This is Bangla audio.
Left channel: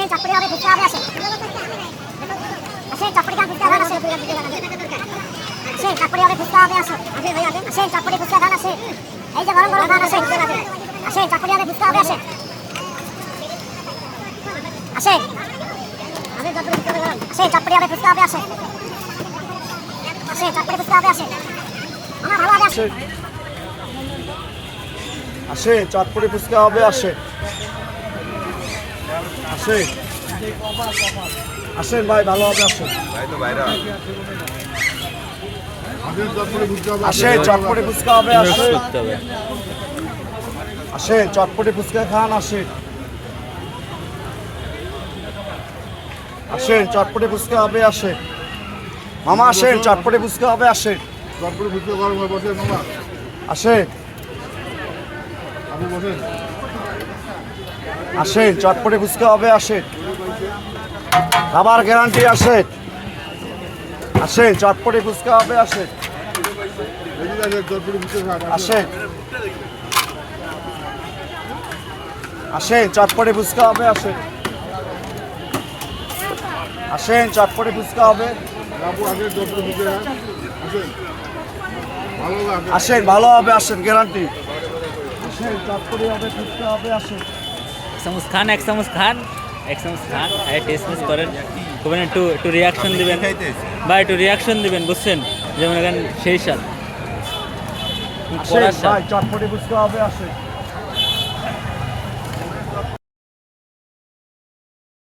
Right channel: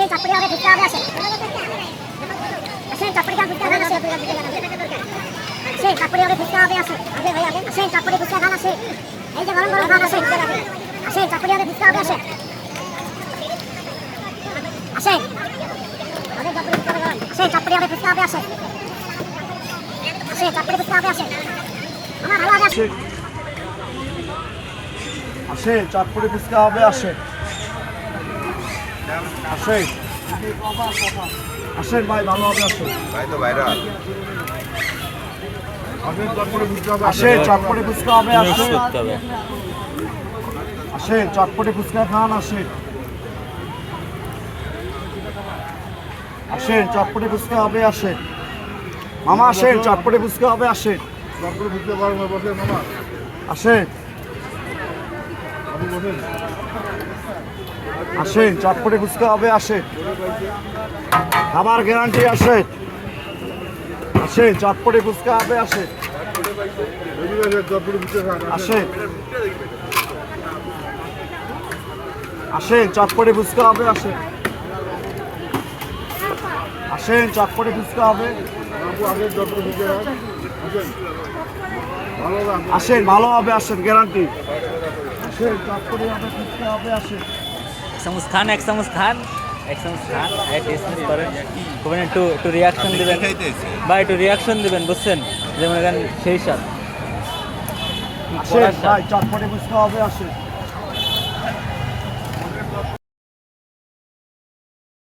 আসেন চাপড়ি হবে ফুচকা হবে আসেন আসেন চাপড়ি খান ফুচকা খান আসেন আসেন চাপড়ি হবে ফুচকা হবে আসেন আসেন চাপড়ি ফুচকা খান আসেন এই যে গরম গরম খান আসেন আসেন চাপড়ি হবে ফুচকা হবে আসেন আসেন আসেন চাপড়ি হবে ফুচকা হবে আসেন আসেন চাপড়ি ফুচকা হবে আসেন আমার ভালো হবে আসেন আসেন চটপটি ফুচকা হবে আসেন আসেন আসেন ভাই ভালো হবে আসেন ভাই তো ভাইরা আসেন চটপটি ফুচকা হবে আসেন আসেন চটপটি ফুচকা খান আসেন আসেন চটপটি ফুচকা হবে আসেন মামা আসেন চটপটি ফুচকা হবে আসেন আসেন আসেন চটপটি ফুচকা হবে আসেন খাবার গ্যারান্টি আসেন আসেন চটপটি ফুচকা হবে আসেন আসেন আসেন চটপটি ফুচকা হবে আসেন আসেন চটপটি ফুচকা হবে আসেন ভালো হবে আসেন গ্যারান্টি আসেন চটপটি হবে ফুচকা হবে আসেন এক সংস্থান টেস্ট করেন তখন একটু রিয়াকশন দিবেন বা একটু রিয়াকশন দিবেন বুঝছেন যেমন এখানে সেই সাথ আসেন ভাই চটপটি ফুচকা হবে আসেন